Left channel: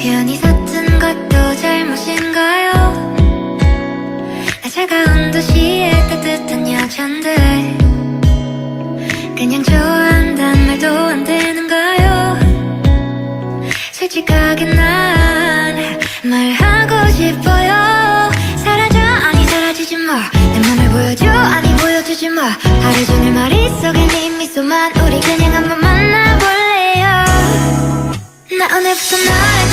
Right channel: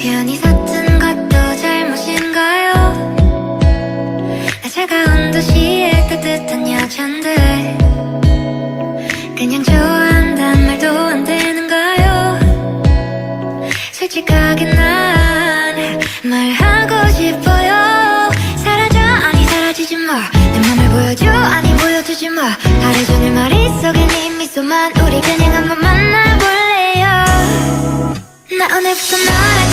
편히 섰던 것도 잘못인가요? 나 차가운 도시의 따뜻한 여잔데 그냥 좋아한단 말도 안 되는가요? 솔직하게 난 말하고 싶어요. 사라져 아니 사라지지 마. 내 맘을 보여줘 아니 보여주지 마. 하루 종일 머릿속에 네 미소만. 우리 그냥 한번 만나볼래요. 나 오늘부터 너랑